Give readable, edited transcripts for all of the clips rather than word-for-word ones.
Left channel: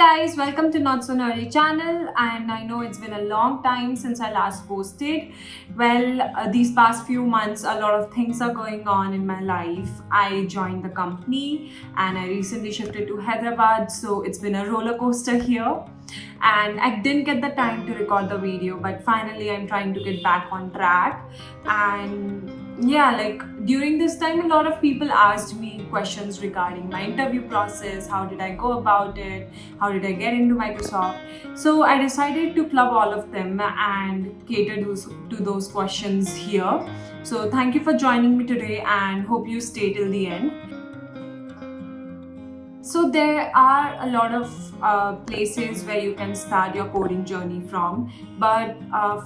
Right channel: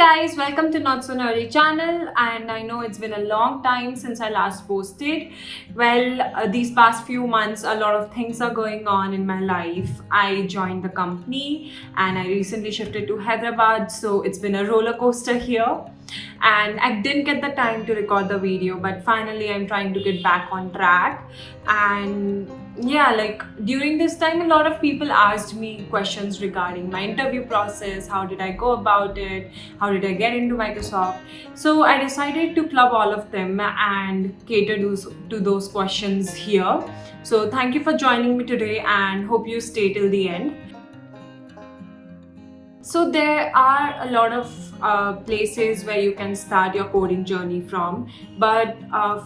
guys, welcome to Not So Nerdy channel, and I know it's been a long time since I last posted. Well, these past few months a lot of things are going on in my life. I joined the company and I recently shifted to Hyderabad, so it's been a roller coaster here. And I didn't get the time to record the video, but finally I'm trying to get back on track. And yeah, like during this time a lot of people asked me questions regarding my interview process, how did I go about it, how did I get into Microsoft. So I decided to club all of them and cater to those questions here. So thank you for joining me today and hope you stay till the end. So there are a lot of places where you can start your coding journey from, but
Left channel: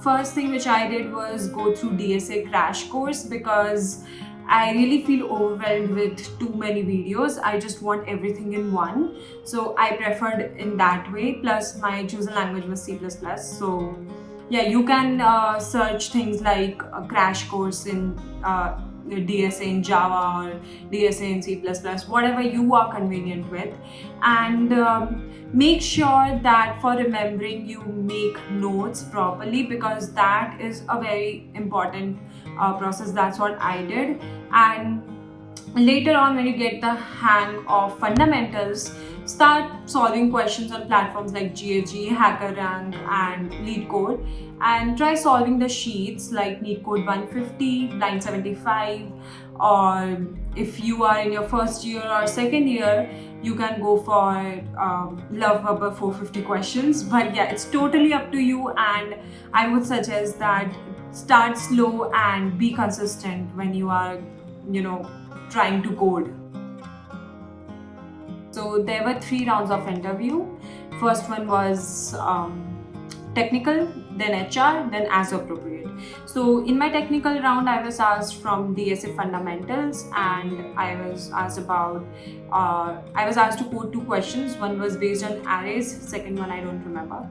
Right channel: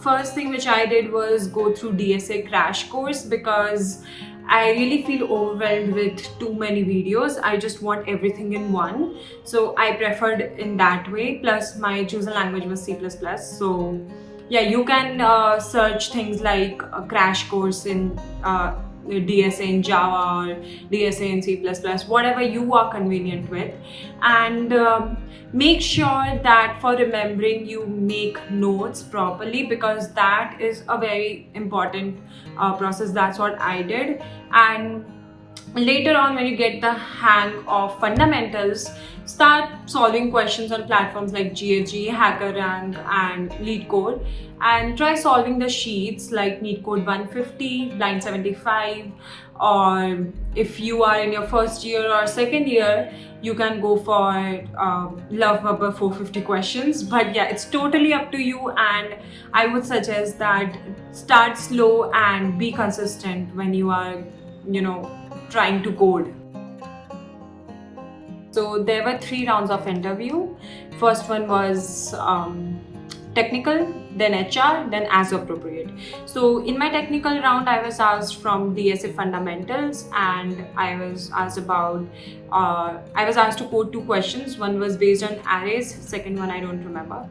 first thing which I did was go through DSA crash course because I really feel overwhelmed with too many videos. I just want everything in one, so I preferred in that way. Plus my chosen language was C++, so yeah, you can search things like a crash course in DSA in Java or DSA in C++, whatever you are convenient with. And make sure that for remembering you make notes properly, because that is a very important process. That's what I did. And later on, when you get the hang of fundamentals, start solving questions on platforms like GHG, HackerRank and LeetCode, and try solving the sheets like NeetCode 150, Blind 75, or if you are in your first year or second year, you can go for Love Bubba 450 questions. But yeah, it's totally up to you, and I would suggest that start slow and be consistent when you are, trying to code. So there were 3 rounds of interview. First one was technical, then HR, then as appropriate. So in my technical round, I was asked from DSA fundamentals, and I was asked to code 2 questions. One was based on arrays, second one I don't remember.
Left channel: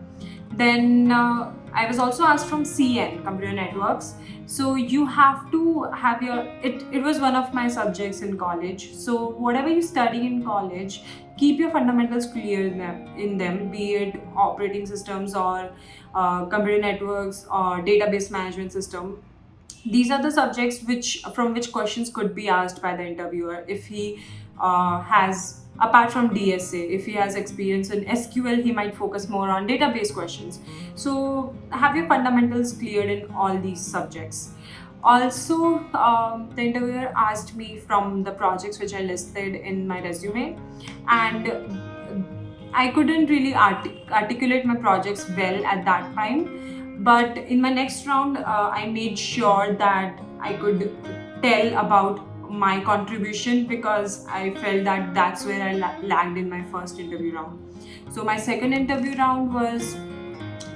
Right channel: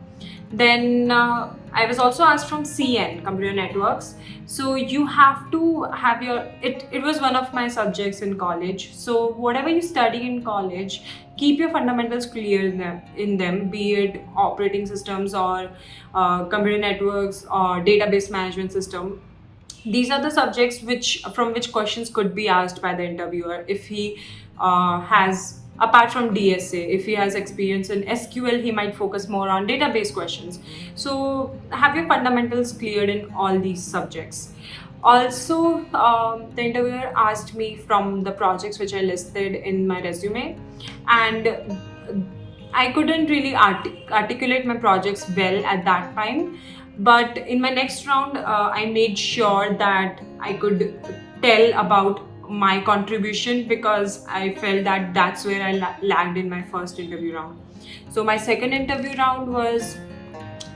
Then I was also asked from CN, computer networks. So you have to have it was one of my subjects in college. So whatever you study in college, keep your fundamentals clear in them, be it operating systems or computer networks or database management system. These are the subjects from which questions could be asked by the interviewer if he has, apart from DSA, if he has experience in SQL, he might focus more on database questions. So have your fundamentals cleared in all these subjects. Also, the interviewer asked me from the projects which I listed in my resume, and I couldn't really articulate my projects well at that time. But in my next round, I made sure that I could tell about my contribution, because I felt that that's where I lagged in my first interview round. So my second interview round was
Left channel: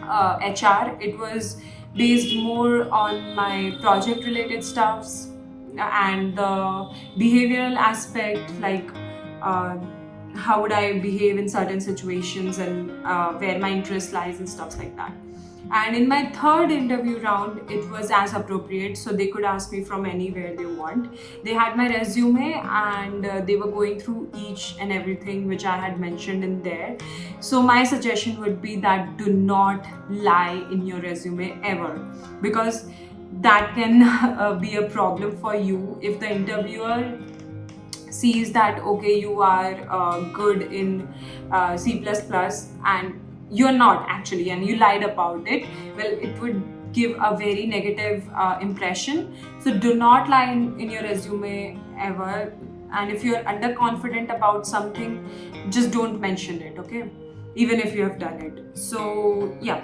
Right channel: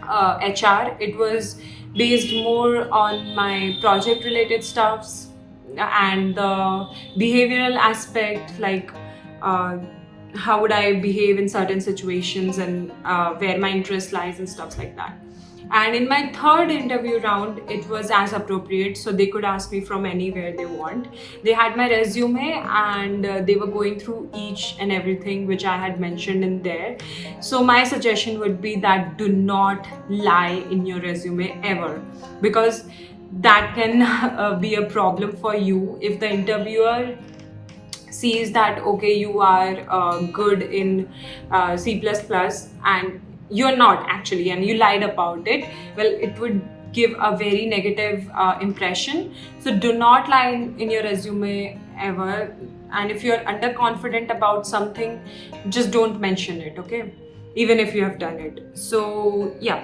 HR. It was based more on my project related stuffs and the behavioral aspect, like how would I behave in certain situations and where my interest lies and stuff like that. And in my third interview round, it was as appropriate, so they could ask me from anywhere they want. They had my resume and they were going through each and everything which I had mentioned in there. So my suggestion would be that do not lie in your resume ever, because that can be a problem for you if the interviewer sees that okay, you are good in C++ and you're not actually, and you lied about it. Well, it would give a very negative impression. So do not lie in your resume ever. And if you're underconfident about something, just don't mention it, okay? Even if you have done it. So yeah.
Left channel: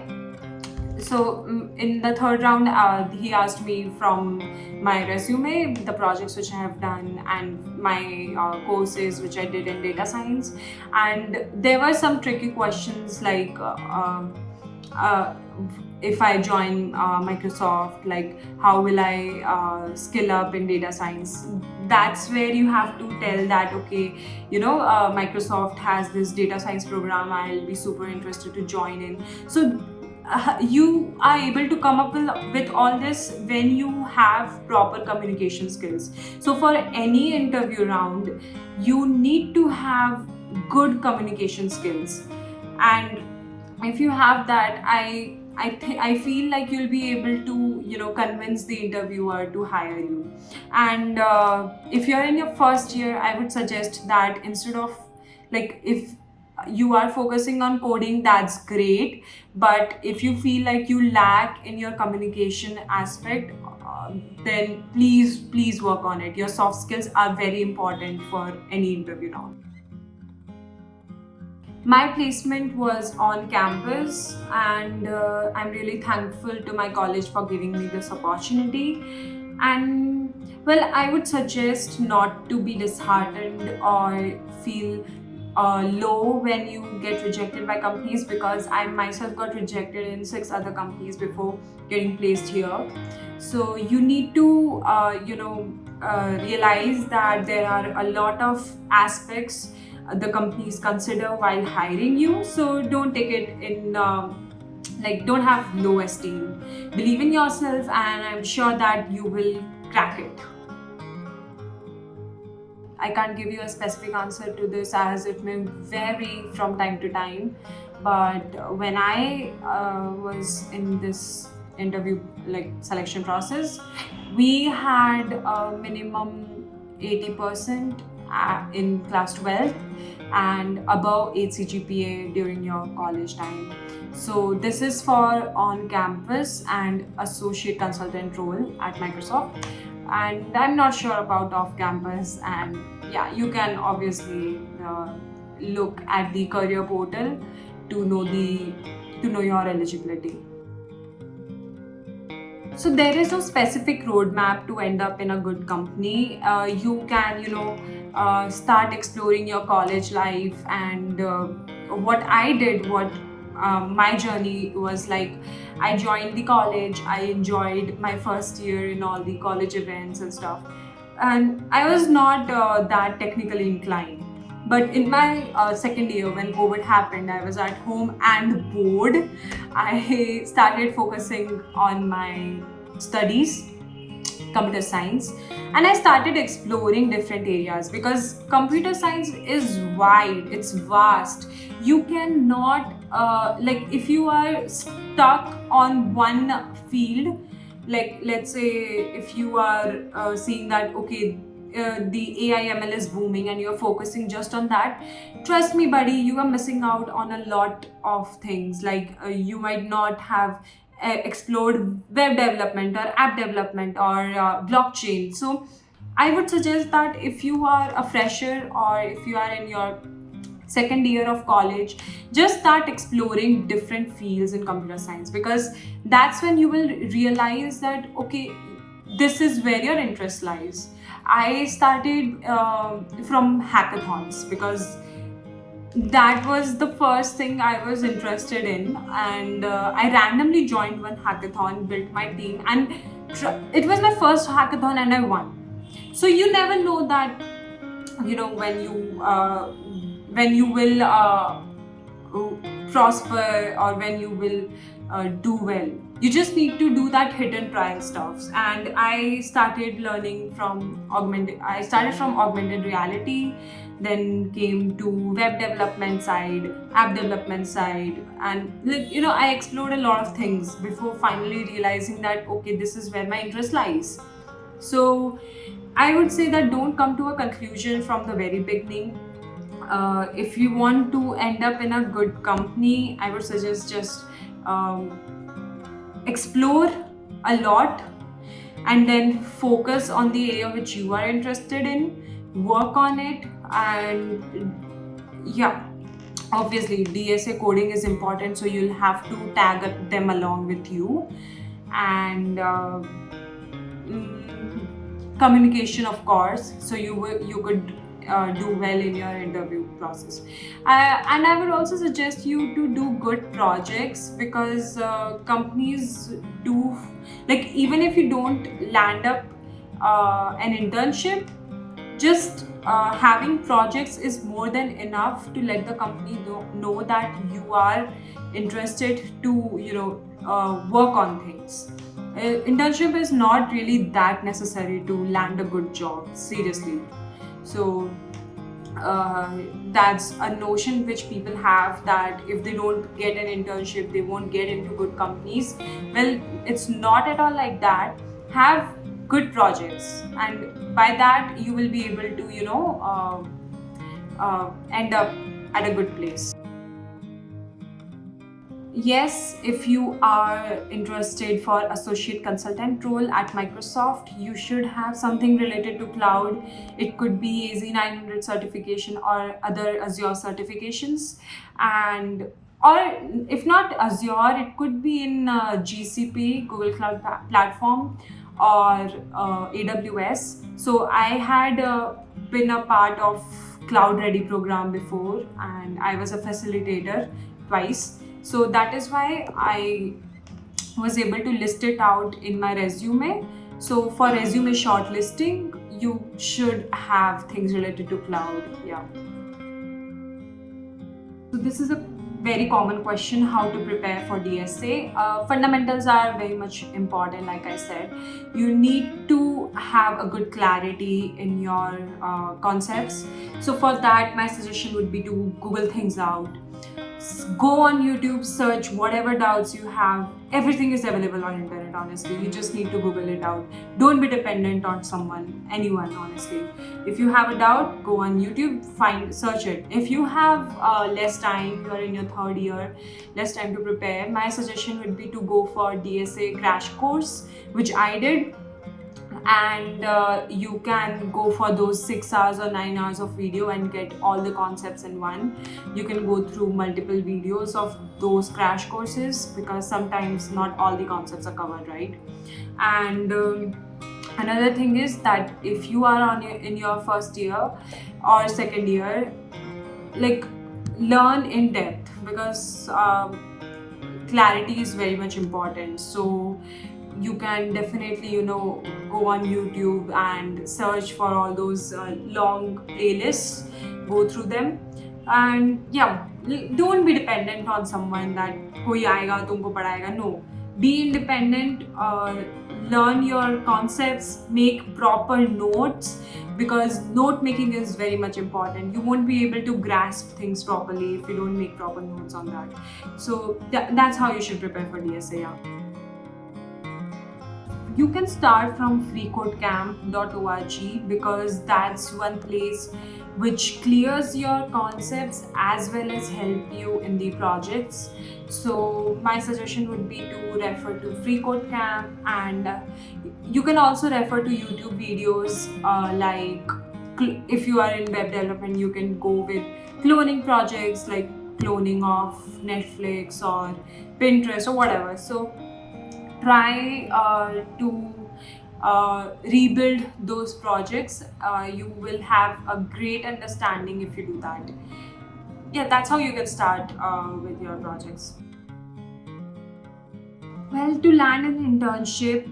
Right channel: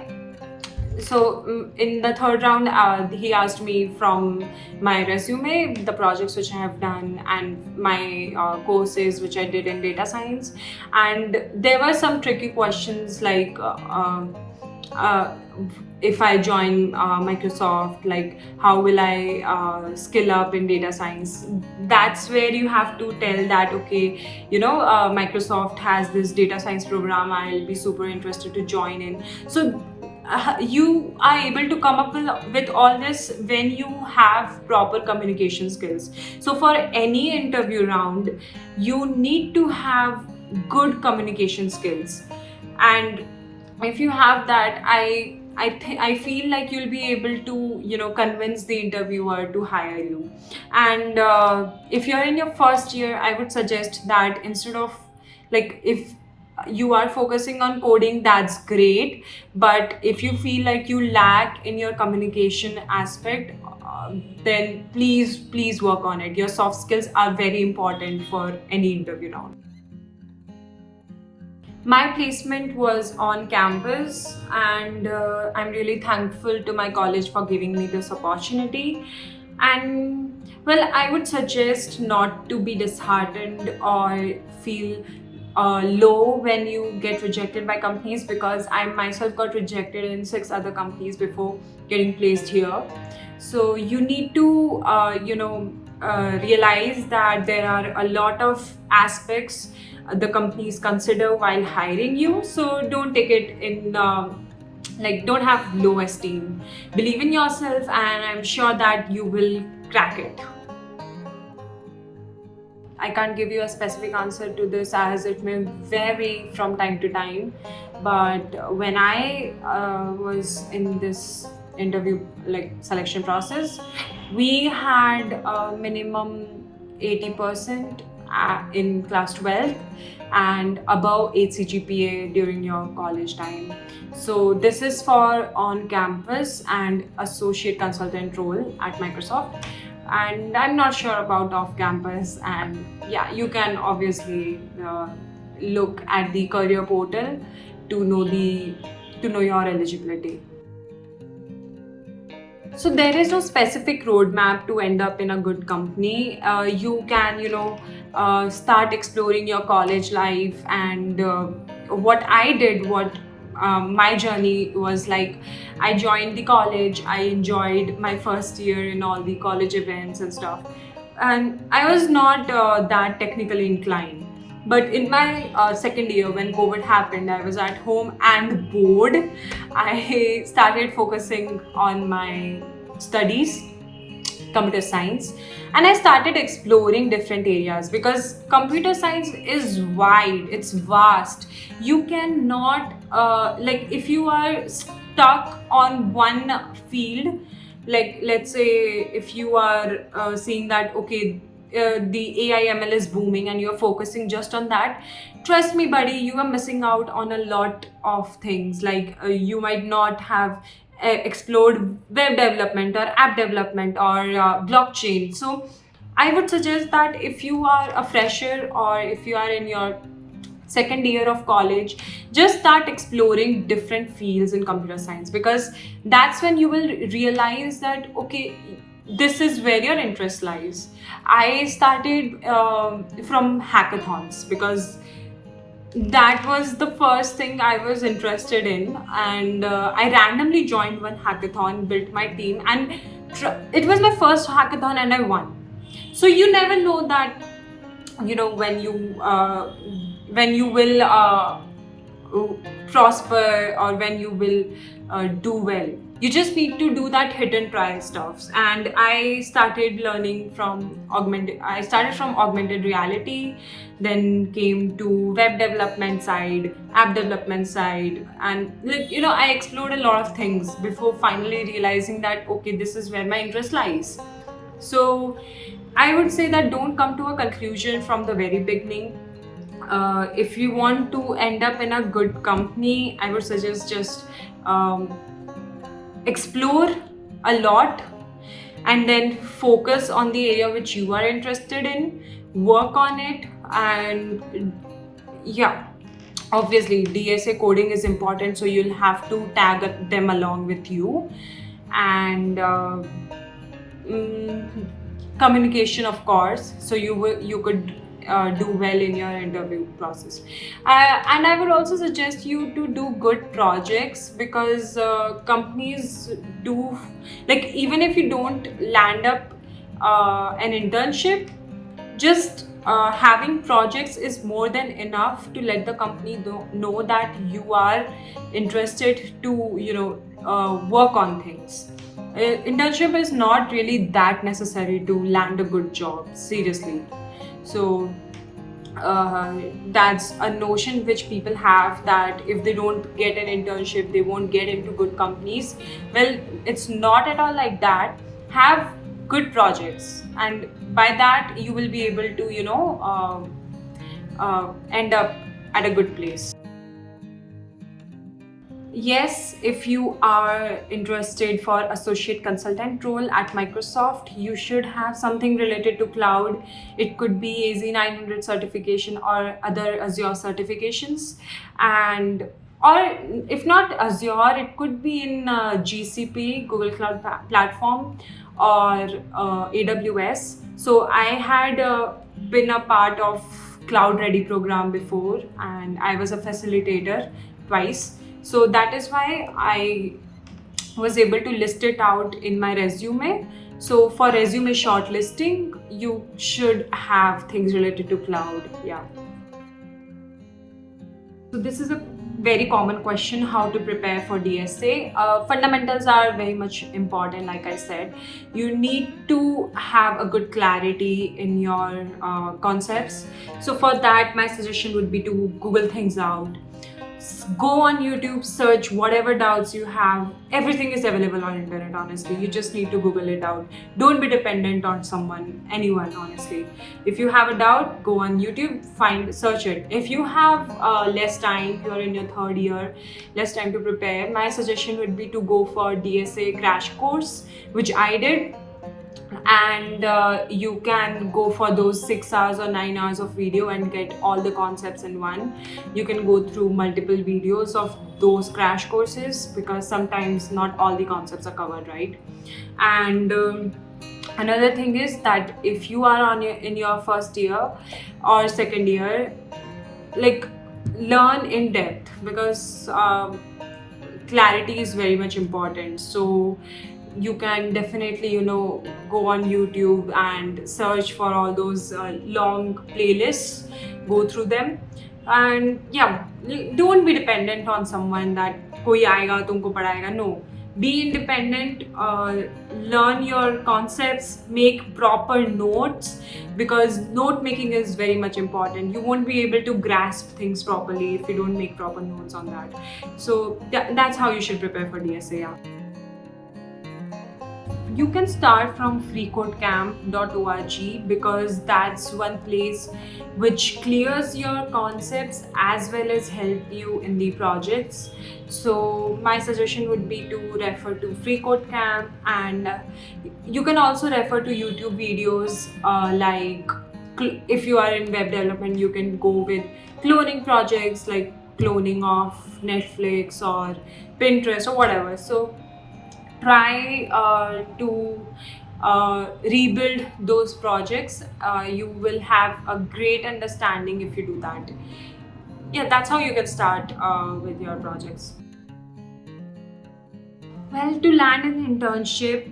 So in the third round, he asked me from my resume, the projects which I have done, and my courses which I did in data science. And there were some tricky questions like if I join Microsoft, like how will I skill up in data science. That's where you have to tell that okay, Microsoft has this data science program, I'll be super interested to join in. So you are able to come up with all this when you have proper communication skills. So for any interview round, you need to have good communication skills. And if you have that, I feel like you'll be able to, convince the interviewer to hire you. And if you're in your first year, I would suggest that instead of, like, if you are focusing on coding, that's great. But if you feel like you lack in your communication aspect, then please work on it. Your soft skills are very important for any interview round. My placement was on campus, and I'm really thankful to my college for giving me this opportunity. And well, I would suggest not to be disheartened or feel low when you get rejected by companies, because I myself got rejected in 6 other companies before getting placed here. So you need to, realize that there are a lot of aspects the companies consider while hiring you. So don't take it in, don't have low esteem. Believe in yourself, and I'm sure that you will crack it. I can't give you a specific answer to this, as it may vary from time to time. But when I was in this interview, like, selection process, we had a minimum 80% in class 12 and above 8 CGPA during your college time. So this is for on-campus and associate consultant role at Microsoft. And I'm not sure about off-campus. And yeah, you can obviously look at the career portal to know your eligibility. So there is no specific roadmap to end up in a good company. You can, start exploring your college life. And what I did, my journey was like, I joined the college. I enjoyed my first year in all the college events and stuff. And I was not that technically inclined. But in my second year, when COVID happened, I was at home and bored. I started focusing on my studies, computer science, and I started exploring different areas, because computer science is wide, it's vast. You cannot, if you are stuck on one field, like, let's say if you are seeing that, okay, the AI ML is booming and you're focusing just on that, trust me, buddy, you are missing out on a lot of things. Like, you might not have explored web development or app development or blockchain. So I would suggest that if you are a fresher or if you are in your second year of college, just start exploring different fields in computer science, because that's when you will realize that, okay, this is where your interest lies. I started from hackathons, because that was the first thing I was interested in. And I randomly joined one hackathon, built my team, and it was my first hackathon and I won. So you never know that, when you will prosper, or when you will do well. You just need to do that hit and try stuff. And I started from augmented reality, then came to web development side, app development side, and I explored a lot of things before finally realizing that, okay, this is where my interest lies. So I would say that don't come to a conclusion from the very beginning. If you want to end up in a good company, I would suggest just explore a lot, and then focus on the area which you are interested in, work on it. And yeah, obviously DSA coding is important, so you'll have to tag them along with you. And communication, of course, so you could do well in your interview process. And I would also suggest you to do good projects, because companies do, like, even if you don't land up an internship, just having projects is more than enough to let the company know that you are interested to work on things. Internship is not really that necessary to land a good job, seriously. So that's a notion which people have, that if they don't get an internship they won't get into good companies. Well, it's not at all like that. Have good projects, and by that you will be able to end up at a good place. Yes, if you are interested for associate consultant role at Microsoft, you should have something related to cloud. It could be AZ900 certification or other Azure certifications, and or if not Azure, it could be in GCP, Google Cloud Platform, or AWS. So I had been a part of Cloud Ready program before, and I was a facilitator twice. So that is why I was able to list it out in my resume. So for resume shortlisting, you should have things related to cloud. Yeah. So this is a very common question, how to prepare for DSA. Fundamentals are very much important. Like I said, you need to have a good clarity in your concepts. So for that, my suggestion would be to Google things out. Go on YouTube, search whatever doubts you have. Everything is available on internet, honestly. You just need to Google it out. Don't be dependent on anyone, honestly. If you have a doubt, go on YouTube, search it. If you have less time, you're in your third year, less time to prepare, my suggestion would be to go for DSA crash course, which I did. And you can go for those 6 hours or 9 hours of video and get all the concepts in one. You can go through multiple videos of those crash courses, because sometimes not all the concepts are covered, right? And another thing is that if you are in your first year or second year, like, learn in depth, because clarity is very much important. So you can definitely go on YouTube and search for all those long playlists, go through them, and yeah, don't be dependent on someone that koi aayega tumko padayega. No, be independent, learn your concepts, make proper notes, because note making is very much important. You won't be able to grasp things properly if you don't make proper notes on that. So that's how you should prepare for DSA. Yeah. You can start from freecodecamp.org, because that's one place which clears your concepts as well as help you in the projects. So my suggestion would be to refer to FreeCodeCamp, and you can also refer to YouTube videos, like if you are in web development, you can go with cloning projects like cloning of Netflix or Pinterest or whatever. So try to rebuild those projects. You will have a great understanding if you do that. Yeah, that's how you can start with your projects. Well, to land an internship,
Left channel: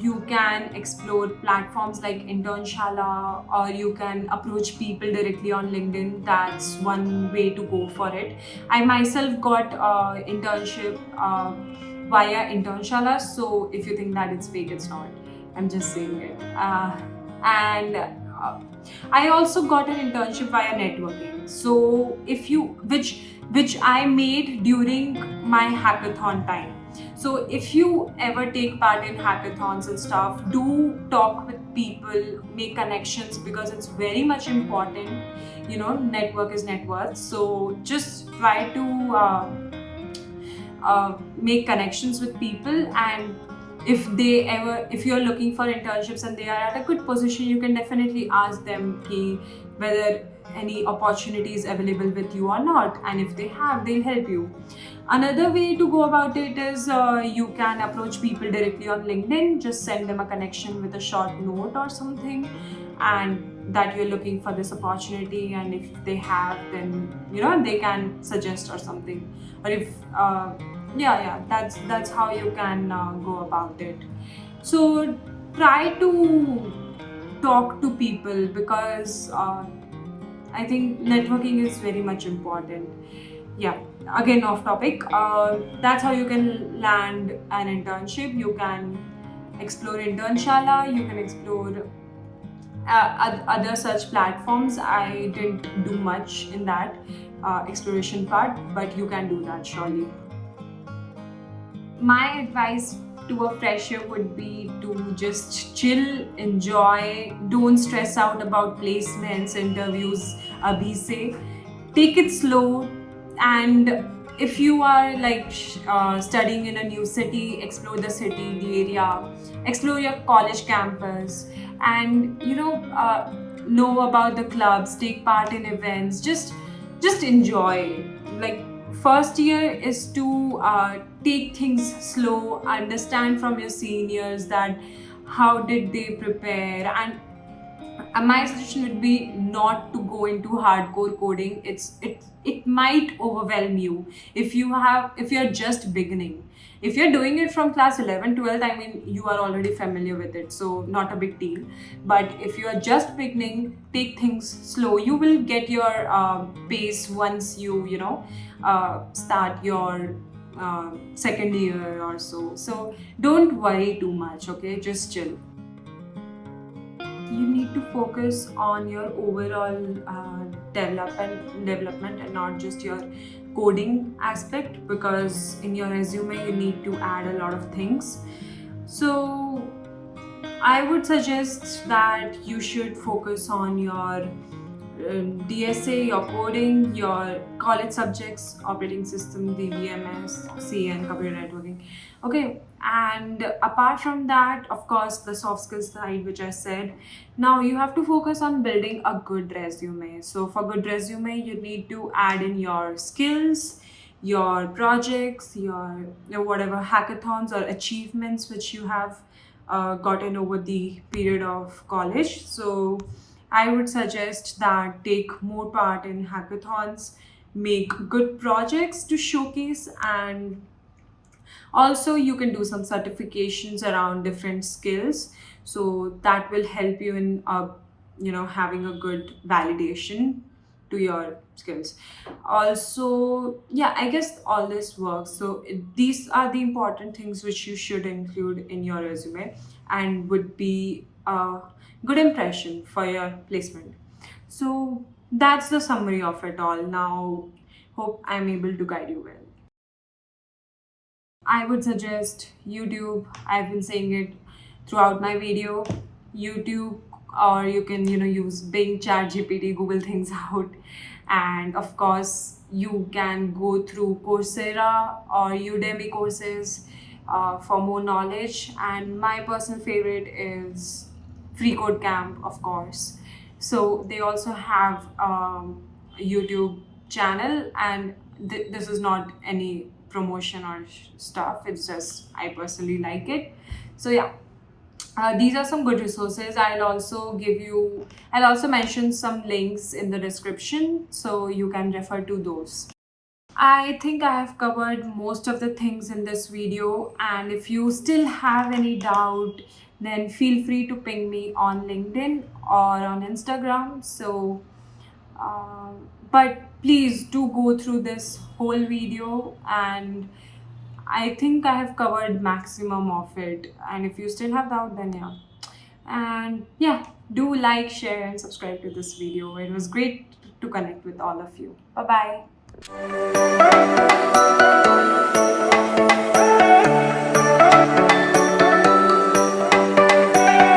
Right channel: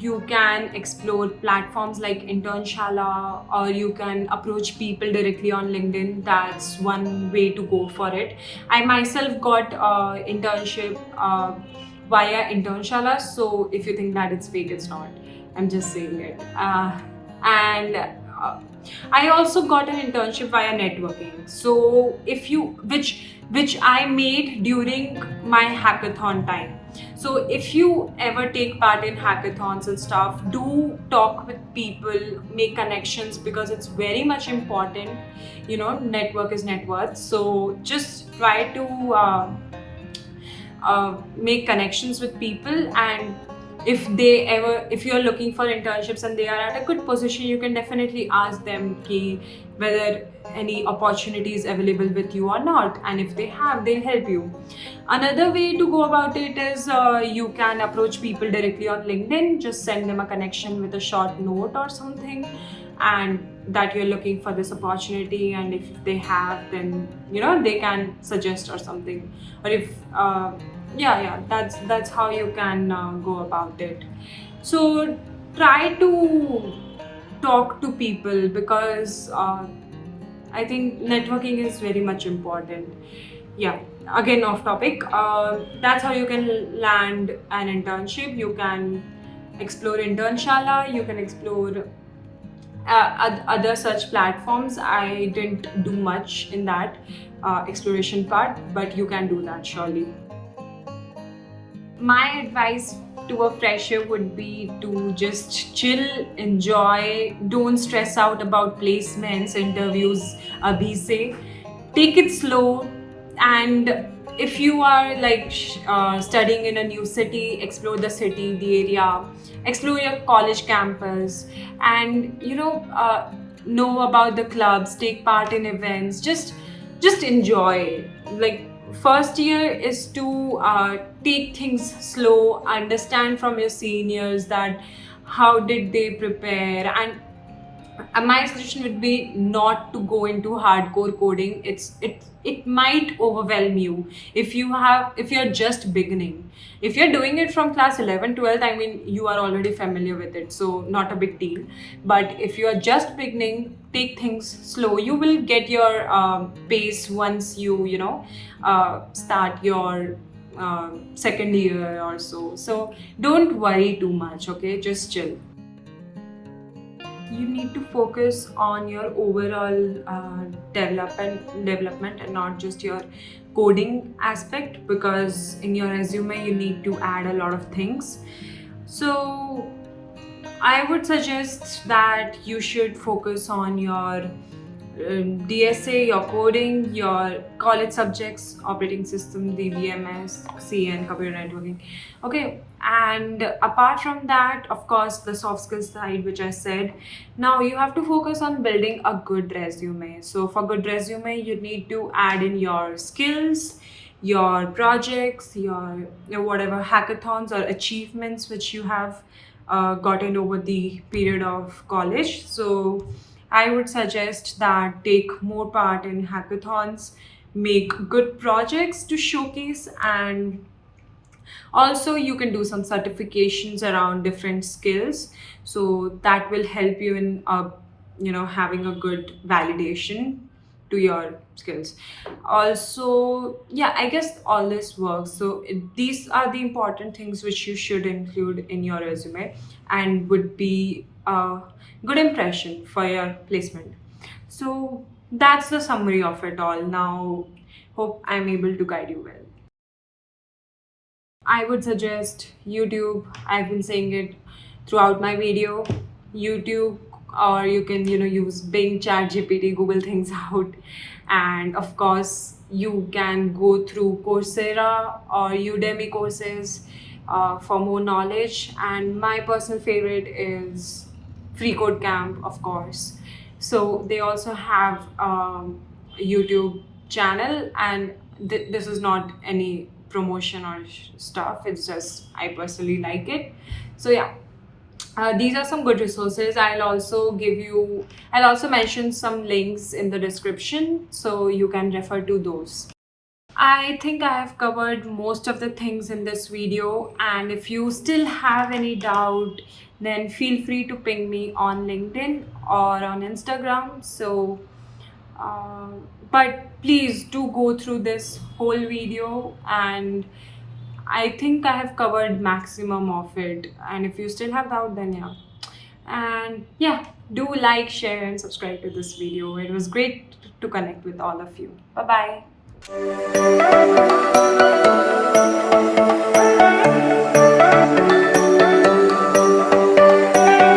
you can explore platforms like Internshala, or you can approach people directly on LinkedIn. That's one way to go for it. I myself got internship via Internshala, so if you think that it's fake, it's not. I'm just saying it. And I also got an internship via networking. So which I made during my hackathon time. So if you ever take part in hackathons and stuff, do talk with people, make connections, because it's very much important. Network is net worth. So just try to make connections with people, and if you're looking for internships and they are at a good position, you can definitely ask them whether any opportunities available with you or not, and if they have, they'll help you. Another way to go about it is you can approach people directly on LinkedIn. Just send them a connection with a short note or something, and that you're looking for this opportunity, and if they have, then they can suggest or something. Or if that's how you can go about it. So try to talk to people, because I think networking is very much important. Yeah, again off topic. That's how you can land an internship. You can explore Internshala, you can explore other such platforms. I didn't do much in that exploration part, but you can do that surely. My advice to a fresher would be to just chill, enjoy, don't stress out about placements, interviews, abhi se. Take it slow, and if you are like studying in a new city, explore the city, the area, explore your college campus, and know about the clubs, take part in events, just enjoy. Like, first year is to take things slow, understand from your seniors that how did they prepare, and my suggestion would be not to go into hardcore coding. It might overwhelm you if you're just beginning. If you're doing it from class 11, 12, I mean, you are already familiar with it, so not a big deal. But if you are just beginning, take things slow. You will get your pace once start your second year or so. So don't worry too much, okay? Just chill. You need to focus on your overall development and not just your coding aspect, because in your resume you need to add a lot of things. So I would suggest that you should focus on your DSA, your coding, your college subjects, operating system, DBMS, CN, computer networking. Okay, and apart from that, of course, the soft skills side, which I said. Now you have to focus on building a good resume. So for good resume, you need to add in your skills, your projects, your whatever hackathons or achievements which you have gotten over the period of college. So I would suggest that take more part in hackathons, make good projects to showcase, and also you can do some certifications around different skills. So that will help you in having a good validation to your skills. Also, yeah, I guess all this works. So these are the important things which you should include in your resume and would be a good impression for your placement. So that's the summary of it all. Now, hope I'm able to guide you well. I would suggest YouTube. I've been saying it throughout my video. YouTube, or you can use Bing, Chat GPT, Google things out, and of course you can go through Coursera or Udemy courses for more knowledge. And my personal favorite is Free Code Camp, of course. So they also have YouTube channel, and this is not any promotion or stuff. It's just I personally like it. So yeah, these are some good resources. I'll also mention some links in the description so you can refer to those. I think I have covered most of the things in this video, and if you still have any doubt, then feel free to ping me on LinkedIn or on Instagram. So but please do go through this whole video, and I think I have covered maximum of it. And if you still have doubt, then yeah. And yeah, do like, share, and subscribe to this video. It was great to connect with all of you. Bye bye.